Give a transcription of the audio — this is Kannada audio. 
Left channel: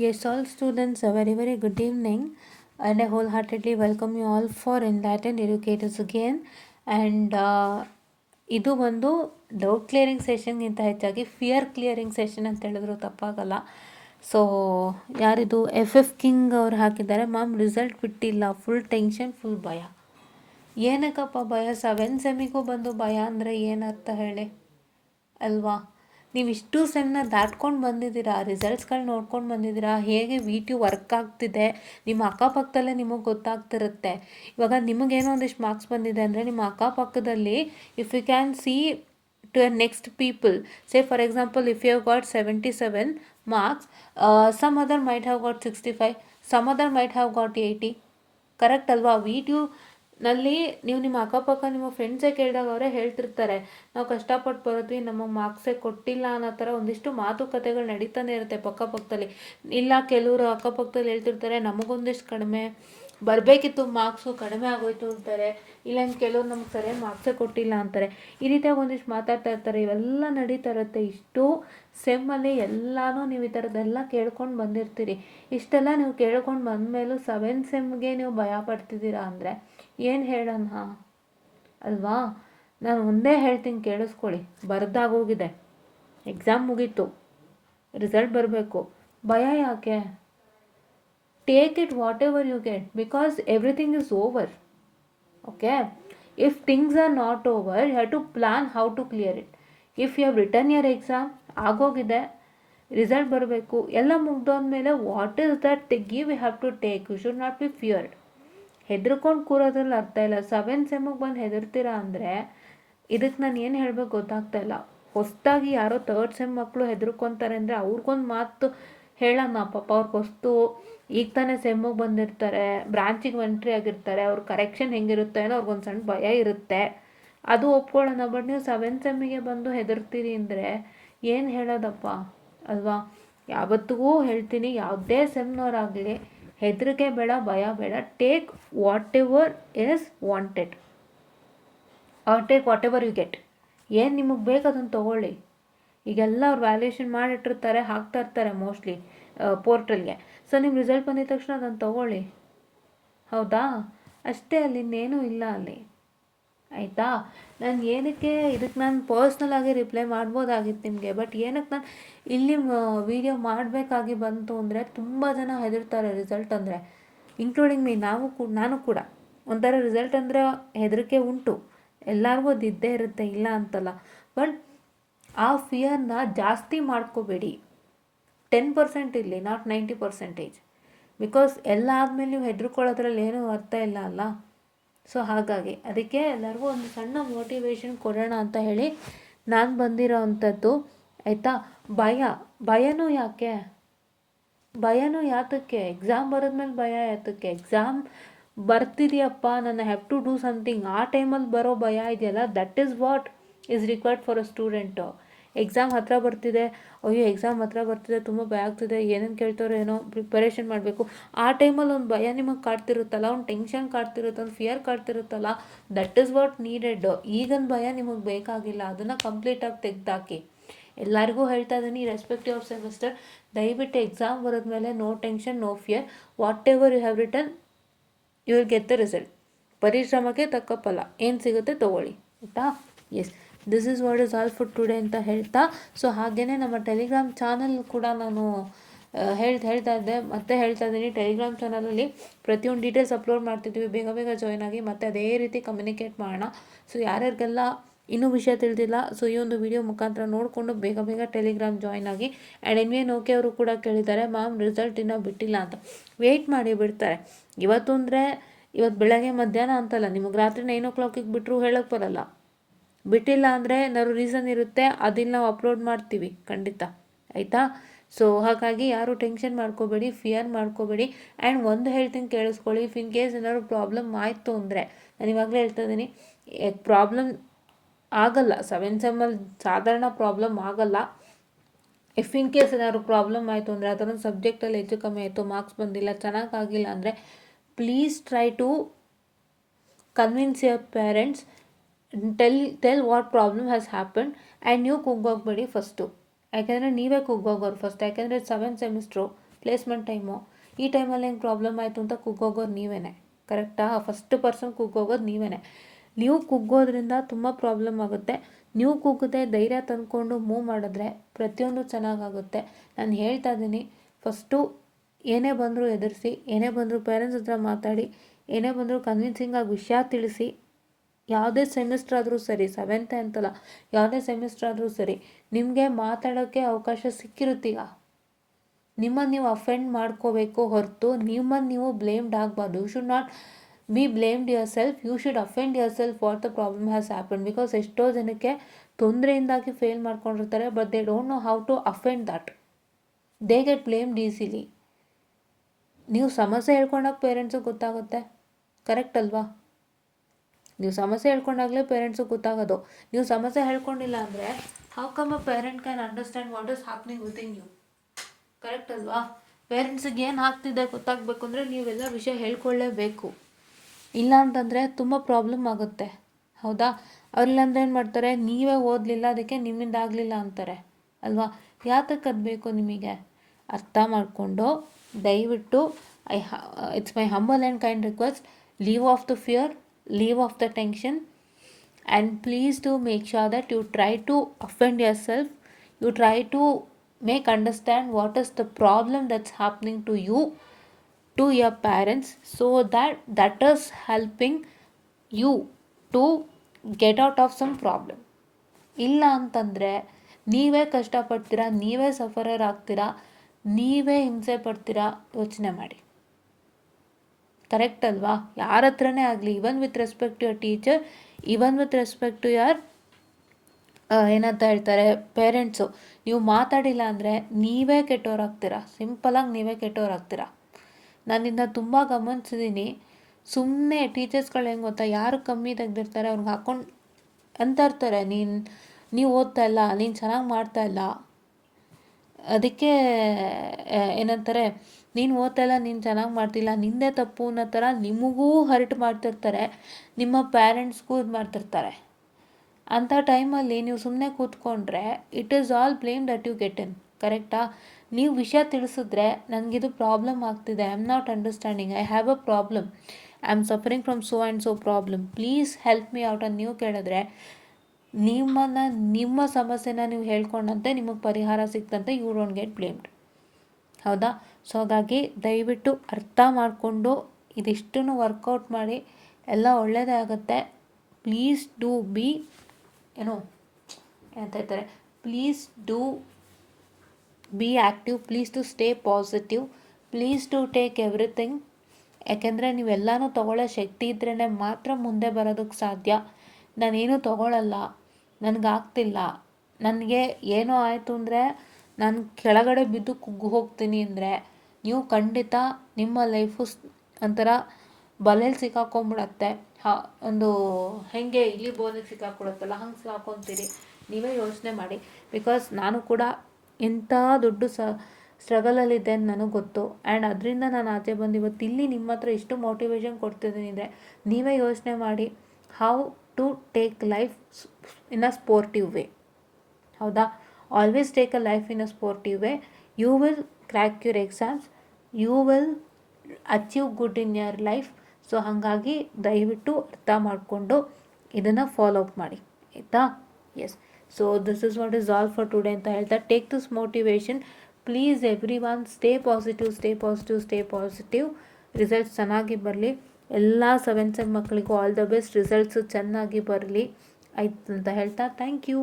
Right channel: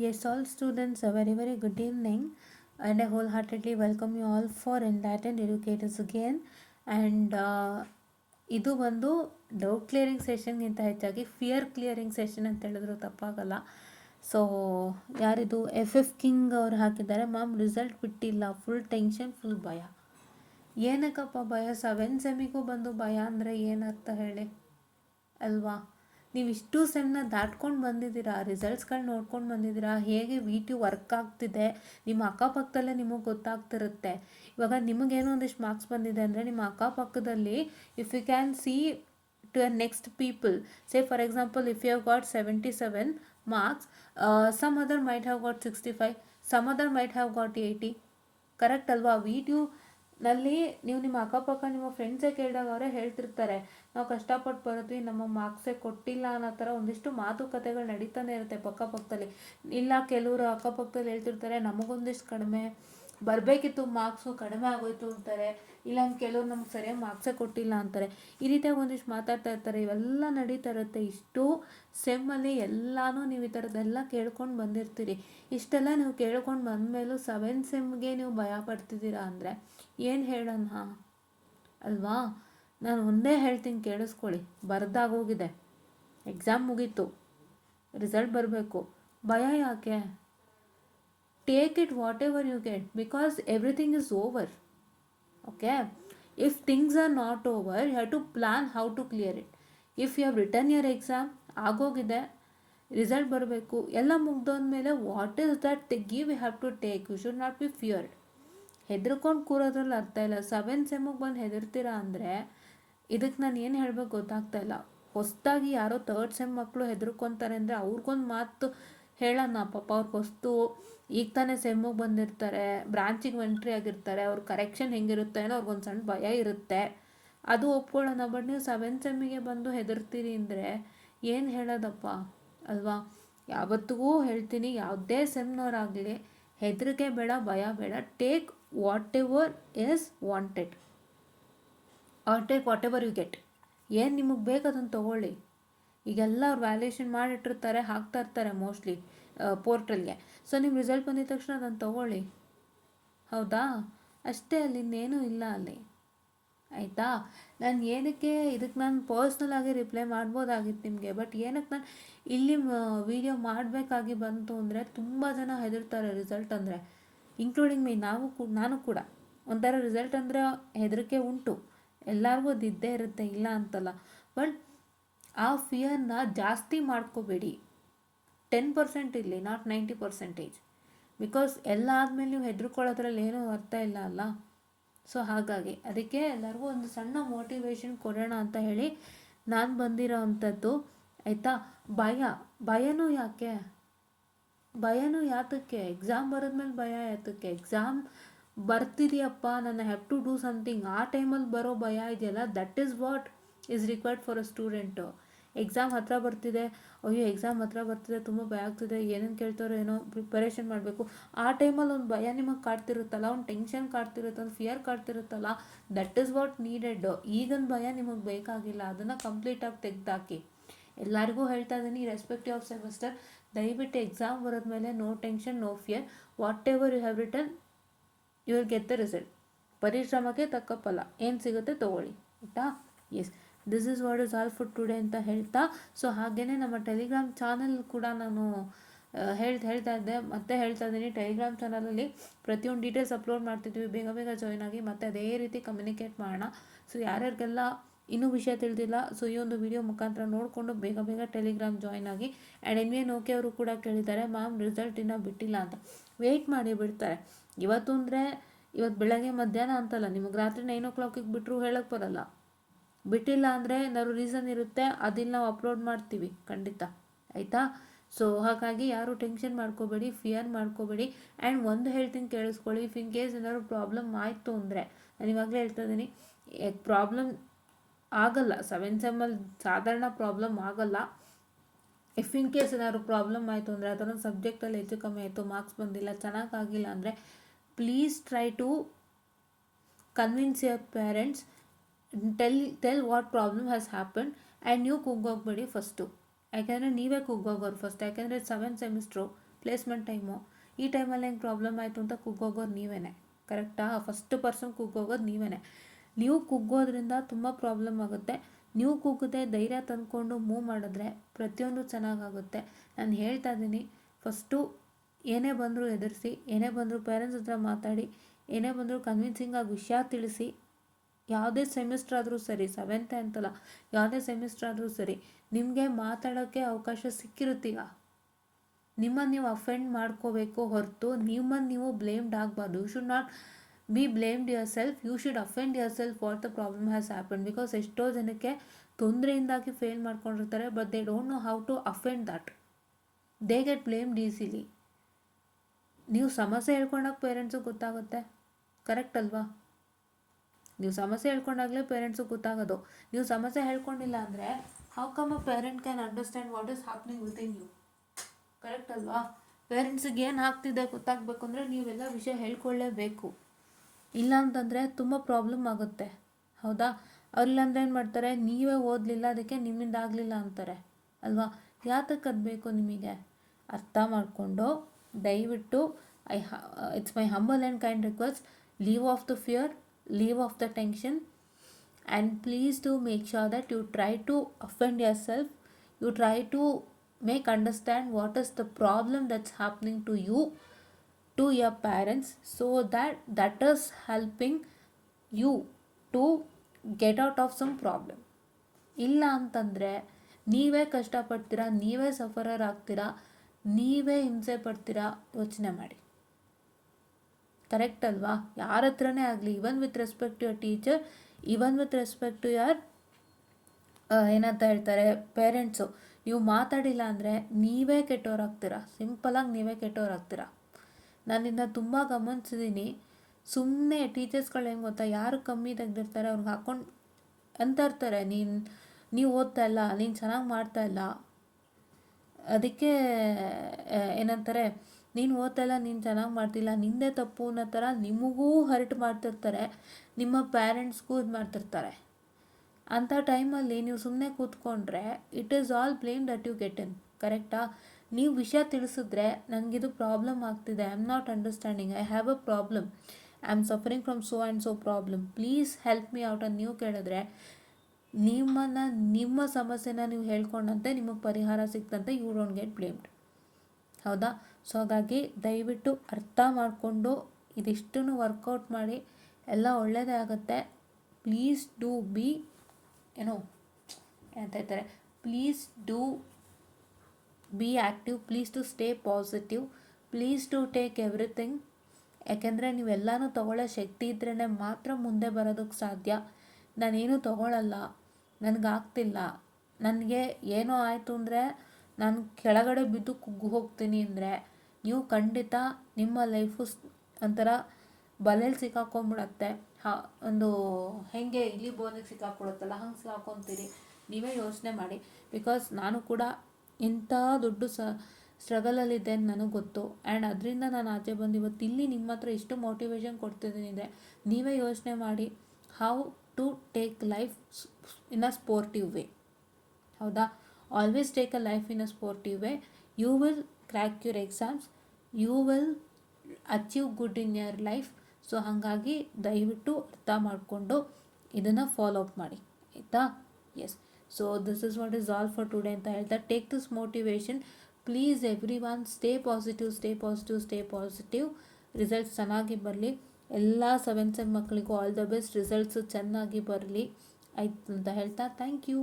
Yes, all students, a very, very good evening, and I wholeheartedly welcome you all for Enlightened Educators again. And ಇದು ಒಂದು ಡೌಟ್ ಕ್ಲಿಯರಿಂಗ್ ಸೆಷನ್ಗಿಂತ ಹೆಚ್ಚಾಗಿ ಫಿಯರ್ ಕ್ಲಿಯರಿಂಗ್ ಸೆಷನ್ ಅಂತ ಹೇಳಿದ್ರು ತಪ್ಪಾಗಲ್ಲ. ಸೊ ಯಾರಿದು ಎಫ್ ಕಿಂಗ್ ಅವ್ರು ಹಾಕಿದ್ದಾರೆ, ಮ್ಯಾಮ್ ರಿಸಲ್ಟ್ ಬಿಟ್ಟಿಲ್ಲ, ಫುಲ್ ಟೆನ್ಷನ್, ಫುಲ್ ಭಯ. ಏನಕ್ಕಪ್ಪ ಭಯ? 7 ಸೆಮಿಗೂ ಬಂದು ಭಯ ಅಂದರೆ ಏನರ್ಥ ಹೇಳಿ ಅಲ್ವಾ? ನೀವು ಇಷ್ಟು ಸೆಮ್ನ ದಾಟ್ಕೊಂಡು ಬಂದಿದ್ದೀರಾ, ರಿಸಲ್ಟ್ಸ್ಗಳು ನೋಡ್ಕೊಂಡು ಬಂದಿದ್ದೀರಾ, ಹೇಗೆ ವಿ ವರ್ಕ್ ಆಗ್ತಿದೆ ನಿಮ್ಮ ಅಕ್ಕಪಕ್ಕದಲ್ಲೇ ನಿಮಗೆ ಗೊತ್ತಾಗ್ತಿರುತ್ತೆ. ಇವಾಗ ನಿಮಗೇನೋ ಒಂದಿಷ್ಟು ಮಾರ್ಕ್ಸ್ ಬಂದಿದೆ ಅಂದರೆ ನಿಮ್ಮ ಅಕ್ಕಪಕ್ಕದಲ್ಲಿ if you can see to next people, say for example if you have got 77 marks, some other might have got 65, some other might have got 80. Correct ಅಲ್ವಾ? ನಲ್ಲಿ ನೀವು ನಿಮ್ಮ ಅಕ್ಕಪಕ್ಕ ನಿಮ್ಮ ಫ್ರೆಂಡ್ಸೇ ಕೇಳಿದಾಗ ಅವರೇ ಹೇಳ್ತಿರ್ತಾರೆ, ನಾವು ಕಷ್ಟಪಟ್ಟು ಬರೋದ್ವಿ, ನಮಗೆ ಮಾರ್ಕ್ಸೇ ಕೊಟ್ಟಿಲ್ಲ ಅನ್ನೋ ಥರ ಒಂದಿಷ್ಟು ಮಾತುಕತೆಗಳು ನಡೀತಾನೆ ಇರುತ್ತೆ ಪಕ್ಕಪಕ್ಕದಲ್ಲಿ. ಇಲ್ಲ ಕೆಲವರು ಅಕ್ಕಪಕ್ಕದಲ್ಲಿ ಹೇಳ್ತಿರ್ತಾರೆ, ನಮಗೊಂದಿಷ್ಟು ಕಡಿಮೆ ಬರಬೇಕಿತ್ತು, ಮಾರ್ಕ್ಸು ಕಡಿಮೆ ಆಗೋಯ್ತು ಅಂತಾರೆ. ಇಲ್ಲ ಕೆಲವ್ರು ನಮ್ಗೆ ಸರಿಯಾಗಿ ಮಾರ್ಕ್ಸೇ ಕೊಟ್ಟಿಲ್ಲ ಅಂತಾರೆ. ಈ ರೀತಿಯಾಗಿ ಒಂದಿಷ್ಟು ಮಾತಾಡ್ತಾ ಇರ್ತಾರೆ. ಇವೆಲ್ಲ ನಡೀತಾ ಇರುತ್ತೆ. ಇಷ್ಟು ಸೆಮ್ಮಲ್ಲಿ ಎಲ್ಲನೂ ನೀವು ಈ ಥರದ್ದೆಲ್ಲ ಕೇಳ್ಕೊಂಡು ಬಂದಿರ್ತೀರಿ. ಇಷ್ಟೆಲ್ಲ ನೀವು ಕೇಳ್ಕೊಂಡು ಬಂದಮೇಲೂ 7 ಸೆಮ್ಗೆ ನೀವು ಭಯ ಪಡ್ತಿದ್ದೀರಾ ಅಂದರೆ ಏನು ಹೇಳೋಣ ಅಲ್ವಾ? ನಾನು ಒಂದೇ ಹೇಳ್ತೀನಿ, ಕೇಳಿಸ್ಕೊಳ್ಳಿ. ಬರ್ದಾಗೋಗಿದೆ, ಎಕ್ಸಾಮ್ ಮುಗೀತು, ರಿಸಲ್ಟ್ ಬರಬೇಕು, ಭಯ ಯಾಕೆ? Take it whatever you get, because everything is over. Okay, if things are not over, you have to plan how to clear it. If you have written your exam, ಆಗೋಗಿದೆ, ರಿಸಲ್ಟ್ ಬರಬೇಕು, ಎಲ್ಲ ಮುಗ್ದೋದ್ಮೇಲೆ what is that the give you have to take. You should not be feared. ಹೆದರ್ಕೊಂಡು ಕೂರೋದ್ರಲ್ಲಿ ಅರ್ಥ ಇಲ್ಲ. 7 ಸೆಮ್ಮಿಗೆ ಬಂದು ಹೆದರ್ತೀರಾ ಅಂದರೆ ಇದಕ್ಕೆ ನಾನು ಏನು ಹೇಳಬೇಕು ಗೊತ್ತಾಗ್ತಾ ಇಲ್ಲ. ಹೊಸ್ದಾಗಿ ಯಾರೋ 3rd ಸೆಮ್ ಮಕ್ಕಳು ಹೆದರ್ಕೊತಾರೆ ಅಂದರೆ ಅವ್ರಿಗೊಂದು ಮಾತು ಹೇಳೋಣ. ಪಾಪ ಅವ್ರಿಗೆ ಹೊಸ್ತು, ಈಗ ತಾನೇ ಸೆಮ್ಮಿಗೆ ಬಂದಿರ್ತಾರೆ, ಬ್ರಾಂಚಿಗೆ ಎಂಟ್ರಿ ಆಗಿರ್ತಾರೆ, ಅವ್ರ ಕರೆಕ್ಷನ್ ಹೆಂಗಿರುತ್ತೆ ಅನ್ನೋ ಅವ್ರಿಗೊಂದು ಸಣ್ಣ ಭಯ ಇರುತ್ತೆ, ಅದು ಒಪ್ಕೊಳ್ಳೋಣ. ಬಟ್ ನೀವು 7 ಸೆಮ್ಮಿಗೆ ಬಂದು ಹೆದರ್ತೀರಿ ಅಂದರೆ ಏನು ಹೇಳೋದಪ್ಪ ಅಲ್ವಾ? ಯಾವತ್ತಿಗೂ ಹೇಳ್ತೀನಿ, ಯಾವುದೇ ಸೆಮ್ನವರಾಗಲಿ ಹೆದರಿಕೆ ಬೇಡ, ಭಯ ಬೇಡ. Take whatever is wanted or take whatever you get. ಏನು ನಿಮಗೆ ಬೇಕು ಅದನ್ನು ತೊಗೊಳ್ಳಿ. ಈಗೆಲ್ಲ ಅವ್ರು ವ್ಯಾಲ್ಯೂಯೇಷನ್ ಮಾಡಿಟ್ಟಿರ್ತಾರೆ, ಹಾಕ್ತಾ ಇರ್ತಾರೆ ಮೋಸ್ಟ್ಲಿ ಪೋರ್ಟಲ್ಗೆ. ಸೊ ನಿಮ್ಮ ರಿಸಲ್ಟ್ ಬಂದಿದ ತಕ್ಷಣ ಅದನ್ನು ತೊಗೊಳ್ಳಿ. ಹೌದಾ? ಅಷ್ಟೇ, ಅಲ್ಲಿ ಇನ್ನೇನೂ ಇಲ್ಲ ಅಲ್ಲಿ. ಆಯಿತಾ? ನಾನು ಏನಕ್ಕೆ ಇದಕ್ಕೆ ನಾನು ಪರ್ಸ್ನಲಾಗಿ ರಿಪ್ಲೈ ಮಾಡ್ಬೋದಾಗಿತ್ತು ನಿಮಗೆ, ಬಟ್ ಏನಕ್ಕೆ ನಾನು ಇಲ್ಲಿ ವಿಡಿಯೋ ಮಾಡಬೇಕಾಗಿ ಬಂತು ಅಂದರೆ ತುಂಬ ಜನ ಹೆದರ್ತಾರೆ ರಿಸಲ್ಟ್ ಅಂದರೆ, ಇನ್ಕ್ಲೂಡಿಂಗ್ ಮೀ. ನಾನು ಕೂಡ ಒಂಥರ ರಿಸಲ್ಟ್ ಅಂದರೆ ಹೆದರಿಕೆ ಉಂಟು, ಎಲ್ಲರಿಗೂ ಅದು ಇದ್ದೇ ಇರುತ್ತೆ, ಇಲ್ಲ ಅಂತಲ್ಲ. ಬಟ್ ಆ ಫಿಯರ್ನ ಜಾಸ್ತಿ ಮಾಡ್ಕೋಬೇಡಿ. 10% ಇರಲಿ, ನಾಟ್ 90%. ಬಿಕಾಸ್ ಎಲ್ಲ ಆದಮೇಲೆ ನೀವು ಹೆದರ್ಕೊಳ್ಳೋದ್ರಲ್ಲಿ ಏನೂ ಅರ್ಥ ಇಲ್ಲ ಅಲ್ಲ. ಸೊ ಹಾಗಾಗಿ ಅದಕ್ಕೆ ಎಲ್ಲರಿಗೂ ಒಂದು ಸಣ್ಣ ಮೋಟಿವೇಶನ್ ಕೊಡೋಣ ಅಂತ ಹೇಳಿ ನಾನು ಬಂದಿರೋ ಅಂಥದ್ದು. ಆಯಿತಾ? ಭಯನೂ ಯಾಕೆ? ಭಯನೂ ಯಾತಕ್ಕೆ? ಎಕ್ಸಾಮ್ ಬರೋದ್ಮೇಲೆ ಭಯ ಯಾತಕ್ಕೆ? ಎಕ್ಸಾಮ್ ಬರ್ತಿದೆಯಪ್ಪ, ನಾನು ಹ್ಯಾವ್ ಟು ಡೂ ಸಮಥಿಂಗ್, ಆ ಟೈಮಲ್ಲಿ ಬರೋ ಭಯ ಇದೆಯಲ್ಲ, that is what is required for a student. Exam ಹತ್ರ ಬರ್ತಿದೆ, ಅಯ್ಯೋ ಎಕ್ಸಾಮ್ ಹತ್ರ ಬರ್ತಿದೆ, ತುಂಬ ಭಯ ಆಗ್ತಿದೆ, ಏನೇನು ಕೇಳ್ತಾರೋ ಏನೋ, ಪ್ರಿಪರೇಷನ್ ಮಾಡಬೇಕು, ಆ ಟೈಮಲ್ಲಿ ಒಂದು ಭಯ ನಿಮಗೆ ಕಾಡ್ತಿರುತ್ತಲ್ಲ, ಒಂದು ಟೆನ್ಷನ್ ಕಾಡ್ತಿರುತ್ತೆ, ಒಂದು ಫಿಯರ್ ಕಾಡ್ತಿರುತ್ತಲ್ಲ, ದಟ್ ಈಸ್ ವಾಟ್ ನೀಡೆಡ್. ಈಗಿನ ಭಯ ನಿಮಗೆ ಬೇಕಾಗಿಲ್ಲ, ಅದನ್ನು ಕಂಪ್ಲೀಟಾಗಿ ತೆಗೆದಾಕಿ. ಎಲ್ಲರಿಗೂ ಹೇಳ್ತಾ ಇದ್ದೀನಿ, ರೆಸ್ಪೆಕ್ಟಿವ್ ಆಫ್ ಸೆಮಿಸ್ಟರ್, ದಯವಿಟ್ಟು ಎಕ್ಸಾಮ್ ಬರೋದ್ಮೇಲೆ no tension, no fear, whatever you have written you will get the result. ಪರಿಶ್ರಮಕ್ಕೆ ತಕ್ಕ ಫಲ ಏನು ಸಿಗುತ್ತೆ ತೊಗೊಳ್ಳಿ. ಆಯಿತಾ? Yes, this is what is all for today ಅಂತ ಹೇಳ್ತಾ, ಸೊ ಹಾಗೆಯೇ ನಮ್ಮ ಟೆಲಿಗ್ರಾಮ್ ಚಾನಲ್ ಕೂಡ ನಾನು ಹೇಳ್ತಾ ಇದ್ದೆ, ಮತ್ತೆ ಹೇಳ್ತಾ ಇದ್ದೀನಿ, ಟೆಲಿಗ್ರಾಮ್ ಚಾನಲಲ್ಲಿ ಪ್ರತಿಯೊಂದು ಡೀಟೇಲ್ಸ್ ಅಪ್ಲೋಡ್ ಮಾಡ್ತಿದ್ದೀವಿ. ಬೇಗ ಬೇಗ ಜಾಯ್ನ್ ಆಗಿ, ಮತ್ತು ಅದೇ ರೀತಿ ಕಮ್ಯುನಿಕೇಟ್ ಮಾಡೋಣ. ಸೊ ಯಾರ್ಯಾರಿಗೆಲ್ಲ ಇನ್ನೂ ವಿಷಯ ತಿಳಿದಿಲ್ಲ, ಸೊ ಈ ಒಂದು ವಿಡಿಯೋ ಮುಖಾಂತರ ನೋಡಿಕೊಂಡು ಬೇಗ ಬೇಗ ಟೆಲಿಗ್ರಾಮ್ ಜಾಯ್ನ್ ಆಗಿ. ಆ್ಯಂಡ್ NVN ಓಕೆ ಅವರು ಕೂಡ ಕೇಳಿದ್ದಾರೆ, ಮ್ಯಾಮ್ ರಿಸಲ್ಟ್ ಇನ್ನೂ ಬಿಟ್ಟಿಲ್ಲ ಅಂತ. ವೆಯ್ಟ್ ಮಾಡಿ, ಬಿಡ್ತಾರೆ. ಇವತ್ತು ಅಂದರೆ ಇವತ್ತು ಬೆಳಗ್ಗೆ ಮಧ್ಯಾಹ್ನ ಅಂತಲ್ಲ, ನಿಮಗೆ ರಾತ್ರಿ 9 o'clock ಬಿಟ್ಟರು ಹೇಳೋಕ್ಕೆ ಬರಲ್ಲ. ಬಿಟ್ಟಿಲ್ಲ ಅಂದರೆ ಏನಾದ್ರು ರೀಸನ್ ಇರುತ್ತೆ, ಅದನ್ನು ನಾವು ಅಪ್ಲೋಡ್ ಮಾಡ್ತೀವಿ ಖಂಡಿತ. ಆಯಿತಾ? ಸೊ ಹಾಗಾಗಿ ಯಾರು ಟೆನ್ಷನ್ ಮಾಡ್ಕೋಬೇಡಿ, ಫಿಯರ್ ಮಾಡ್ಕೋಬೇಡಿ. ಆ್ಯಂಡ್ ಒಂದು ಹೇಳ್ತೀನಿ ಕೇಳಿಸ್ಕೊಳ್ಳಿ, ಇಫ್ ಇನ್ ಕೇಸ್ ಏನಾದ್ರು ಪ್ರಾಬ್ಲಮ್ ಆಯಿತು ಅಂದರೆ, ನಾನು ಇವಾಗಲೇ ಹೇಳ್ತಾ ಇದ್ದೀನಿ, ಪ್ರಾಬ್ಲಮ್ ಆಗಲ್ಲ 7 ಸೆಮ್ಮಲ್ಲಿ, ಸಾಧಾರಣ ಪ್ರಾಬ್ಲಮ್ ಆಗಲ್ಲ. ಇಫ್ ಇನ್ ಕೇಸ್ ಏನಾದ್ರು ಪ್ರಾಬ್ಲಮ್ ಆಯಿತು ಅಂದರೆ, ಅದರೊಂದು ಸಬ್ಜೆಕ್ಟಲ್ಲಿ ಹೆಚ್ಚು ಕಮ್ಮಿ ಆಯಿತು, ಮಾರ್ಕ್ಸ್ ಬಂದಿಲ್ಲ, ಚೆನ್ನಾಗಾಗಿಲ್ಲ ಅಂದರೆ, please try to convince your parents, tell what problem has happen. And ನೀವು ಕುಗ್ಗೋಗ್ಬೇಡಿ ಫಸ್ಟು, ಯಾಕೆಂದರೆ ನೀವೇ ಕುಗ್ಗೋಗೋರು ಫಸ್ಟ್. ಯಾಕೆಂದರೆ 7 ಸೆಮಿಸ್ಟ್ರು ಪ್ಲೇಸ್ಮೆಂಟ್ ಟೈಮು. ಈ ಟೈಮಲ್ಲಿ ಹೆಂಗೆ ಪ್ರಾಬ್ಲಮ್ ಆಯಿತು ಅಂತ ಕುಗ್ಗೋಗೋದು ನೀವೇ. ಕರೆಕ್ಟಾ? ಫಸ್ಟ್ ಪರ್ಸನ್ ಕುಗ್ಗೋಗೋದು ನೀವೇ. ನೀವು ಕುಗ್ಗೋದ್ರಿಂದ ತುಂಬ ಪ್ರಾಬ್ಲಮ್ ಆಗುತ್ತೆ. ನೀವು ಕುಗ್ಗದೆ ಧೈರ್ಯ ತಂದ್ಕೊಂಡು ಮೂವ್ ಮಾಡಿದ್ರೆ ಪ್ರತಿಯೊಂದು ಚೆನ್ನಾಗಾಗುತ್ತೆ. ನಾನು ಹೇಳ್ತಾ ಇದ್ದೀನಿ, ಫಸ್ಟು ಏನೇ ಬಂದರೂ ಎದುರಿಸಿ, ಏನೇ ಬಂದರೂ ಪೇರೆಂಟ್ಸ್ ಹತ್ರ ಮಾತಾಡಿ, ಏನೇ ಬಂದರೂ ಕನ್ವಿನ್ಸಿಂಗಾಗಿ ವಿಷಯ ತಿಳಿಸಿ. ಯಾವುದೇ ಸೆಮಿಸ್ಟರ್ ಆದರೂ ಸರಿ, 7th ಅಂತಲ್ಲ, ಯಾವುದೇ ಸೆಮಿಸ್ಟರ್ ಆದರೂ ಸರಿ, ನಿಮಗೆ ಮಾತಾಡೋಕ್ಕೆ ಅವಕಾಶ ಸಿಕ್ಕಿರುತ್ತೀಗ. ನಿಮ್ಮನ್ನು ನೀವು ಅಫೆಂಡ್ ಮಾಡ್ಕೋಬೇಕು ಹೊರತು ನಿಮ್ಮನ್ನು ನೀವು ಬ್ಲೇಮ್ಡ್ ಆಗಬಾರ್ದು. You should not be blamed yourself, you should offend yourself what the problem has happen. Because ಎಷ್ಟೋ ಜನಕ್ಕೆ ತೊಂದರೆಯಿಂದಾಗಿ ಫೇಲ್ ಮಾಡ್ಕೊಂಡಿರ್ತಾರೆ, but they don't know how to offend that. They get blamed easily. ನೀವು ಸಮಸ್ಯೆ ಹೇಳ್ಕೊಂಡಾಗ ಪೇರೆಂಟ್ಸಿಗೆ ಗೊತ್ತಾಗುತ್ತೆ. ಕರೆಕ್ಟ್ ಅಲ್ವಾ? ನೀವು ಸಮಸ್ಯೆ ಹೇಳ್ಕೊಂಡಾಗಲೇ ಪೇರೆಂಟ್ಸಿಗೆ ಗೊತ್ತಾಗೋದು. ನೀವು ಸಮಸ್ಯೆ ಹೇಳ್ಕೊಂಡಿಲ್ಲ ಅಂದರೆ how come a parent can understand what is happening within you. Correct ಅಲ್ವಾ? ಪೇರೆಂಟ್ಸಿಗೆ ಏನು ಆಗ್ತಿದೆ ಗೊತ್ತಾಗಬೇಕು ಅಂದರೆ ನೀವೆಲ್ಲ ವಿಷಯ ಹೇಳ್ಕೊಳ್ಳೇಬೇಕು. ಇಲ್ಲ ಅಂತಂದರೆ ತುಂಬ ಪ್ರಾಬ್ಲಮ್ ಆಗುತ್ತೆ. ಹೌದಾ? ಅವ್ರಿಲ್ಲಾಂದ್ರೆ ಏನು ಮಾಡ್ತಾರೆ, ನೀವೇ ಓದಲಿಲ್ಲ ಅದಕ್ಕೆ ನಿಮ್ಮಿಂದ ಆಗಲಿಲ್ಲ ಅಂತಾರೆ ಅಲ್ವಾ? ಯಾತಕ್ಕೆ ಅದು ಬೇಕು ನಿಮಗೆ? ಅರ್ಥ ಮಾಡಿಕೊಂಡು ದಯವಿಟ್ಟು it's my humble and kind request, leave off the fear, leave off the tension, and please to make sure that you try to offend yourself, you try to make understand what is the problem that's happening to you, to your parents, so that is helping you to get out of some problem. ಇಲ್ಲ ಅಂತಂದರೆ ನೀವೇ ಕಷ್ಟಪಡ್ತೀರಾ, ನೀವೇ ಸಫರರ್ ಆಗ್ತೀರಾ, ನೀವೇ ಹಿಂಸೆ ಪಡ್ತೀರಾ. ಯೋಚನೆ ಮಾಡಿ. ಕರೆಕ್ಟ್ ಅಲ್ವಾ? ಯಾರ ಹತ್ರನೇ ಆಗಲಿ, even with respect to your teacher, even with respect to your ಏನಂತ ಹೇಳ್ತಾರೆ ಪೇರೆಂಟ್ಸು, ನೀವು ಮಾತಾಡಿಲ್ಲ ಅಂದರೆ ನೀವೇ ಕೆಟ್ಟೋರಾಗ್ತೀರಾ. ಸಿಂಪಲಾಗಿ ನೀವೇ ಕೆಟ್ಟೋರಾಗ್ತೀರಾ. ನಾನಿಂದ ತುಂಬ ಗಮನಿಸಿದ್ದೀನಿ. ಸುಮ್ಮನೆ ಟೀಚರ್ಸ್ಗಳು ಹೆಂಗೆ ಗೊತ್ತಾ, ಯಾರು ಕಮ್ಮಿ ತೆಗೆದಿರ್ತಾರೆ ಅವ್ರಿಗೆ ಹಾಕ್ಕೊಂಡು ಅಂತ ಇರ್ತಾರೆ, ನೀವು ಓದ್ತಾ ಇಲ್ಲ, ನೀನು ಚೆನ್ನಾಗಿ ಮಾಡ್ತಾ ಇಲ್ಲ, ಅದಕ್ಕೆ ಏನಂತಾರೆ, ನೀನು ಓದ್ತಾ ಇಲ್ಲ, ನೀನು ಚೆನ್ನಾಗಿ ಮಾಡ್ತಿಲ್ಲ, ನಿಂದೇ ತಪ್ಪು ಅನ್ನೋ ಥರ ನಿಮಗೂ ಹರ್ಟ್ ಮಾಡ್ತಿರ್ತಾರೆ, ನಿಮ್ಮ ಪ್ಯಾರೆಂಟ್ಸ್ಗೂ ಇದು ಮಾಡ್ತಿರ್ತಾರೆ. ಅಂಥ ಟೈಮಲ್ಲಿ ನೀವು ಸುಮ್ಮನೆ ಕೂತ್ಕೊಂಡ್ರೆ it is all blame that you get in. ಕರೆಕ್ಟಾ? ನೀವು ವಿಷಯ ತಿಳಿಸಿದ್ರೆ ನನಗಿದು ಪ್ರಾಬ್ಲಮ್ ಆಗ್ತಿದೆ, I am not understanding, I have a problem, I am suffering from so and so problem, please help me out ಅಂತ ನೀವು ಕೇಳಿದ್ರೆ ನಿಮ್ಮ ಸಮಸ್ಯೆನ ನೀವು ಹೇಳ್ಕೊಂಡಂತೆ ನಿಮಗೆ ಪರಿಹಾರ ಸಿಕ್ತಂತೆ. You don't get blamed. ಹೌದಾ? ಸೊ ಹಾಗಾಗಿ ದಯವಿಟ್ಟು ಅರ್ಥ ಮಾಡಿಕೊಂಡು ಇದಿಷ್ಟು ವರ್ಕೌಟ್ ಮಾಡಿ, ಎಲ್ಲ ಒಳ್ಳೆಯದೇ ಆಗುತ್ತೆ. ಪ್ಲೀಸ್ ಡೂ ಬಿ ಅಂತ ಹೇಳ್ತಾರೆ, please do be active, please to stay positive, please to take everything. ಯಾಕೆಂದರೆ ನೀವೆಲ್ಲನೂ ತೊಗೊಳ್ಳೋ ಶಕ್ತಿ ಇದ್ರೇ ಮಾತ್ರ ಮುಂದೆ ಬರೋದಕ್ಕೆ ಸಾಧ್ಯ. ನಾನೇನು ತೊಗೊಳ್ಳಲ್ಲ, ನನಗಾಗ್ತಿಲ್ಲ, ನನಗೆ ಏನೋ ಆಯಿತು ಅಂದರೆ ನಾನು ಕೆಳಗಡೆ ಬಿದ್ದು ಕುಗ್ಗು ಹೋಗ್ತೀನಿ ಅಂದರೆ ನೀವು ಖಂಡಿತ ನಿಮ್ಮ ಲೈಫು ಒಂಥರ ಬಲೆಯಲ್ಲಿ ಸಿಕ್ಕಾಕೊಂಡ್ಬಿಡತ್ತೆ. ಒಂದು ಹೇಗೆ ಇಲ್ಲಿ ಬೋನಿಗೆ ಸಿಕ್ಕಾಕೊಡುತ್ತಲ್ಲ ಹಂಗೆ ಸಿಕ್ಕಾಕೊತೀರಿ. ನೀವೇ ಯೋಚನೆ ಮಾಡಿ. ಬಿಕಾಸ್ ನಾನು ಕೂಡ ಇಂಥ ದೊಡ್ಡ ಸ್ಟ್ರಗಲಲ್ಲಿದ್ದೆ ಅಂತ ನನಗೆ ಗೊತ್ತು. ಆ್ಯಂಡ್ ಅದರಿಂದ ನಾನು ಆಚೆ ಬಂದು ಇವತ್ತು ಇಲ್ಲಿ ನಿಮ್ಮ ಹತ್ರ ಇಷ್ಟು ಮೋಟಿವೇಶನ್ ಕೊಡ್ತಿದ್ದೀನಿ ಅಂದರೆ ನೀವೇ ಯೋಚನೆ ಮಾಡಿ how to take life in a sportive way. ಹೌದಾ? Always take a life in a sportive way. You will crack your exams, you will achieve good in your life. So ಹಾಗಾಗಿ ದಯವಿಟ್ಟು ಅರ್ಥ ಮಾಡಿಕೊಂಡು ಇದನ್ನು ಫಾಲೋ ಅಪ್ ಮಾಡಿ, ಆಯಿತಾ? Yes. So this is what is all for today ಅಂತ ಹೇಳ್ತಾ, take this motivation. Please everyone stay positive, stay positive, stay positive. Results ಚೆನ್ನಾಗಿ ಬರಲಿ. ಎಲ್ಲ 7th ಮಕ್ಕಳಿಗೂ ಆಲ್ ದ ಬೆಸ್ಟ್. ರಿಸಲ್ಟ್ಸು ಚೆನ್ನಾಗಿ ಬರಲಿ ಆಯ್ತು ಅಂತ ಹೇಳ್ತಾ, ಥ್ಯಾಂಕ್ ಯು.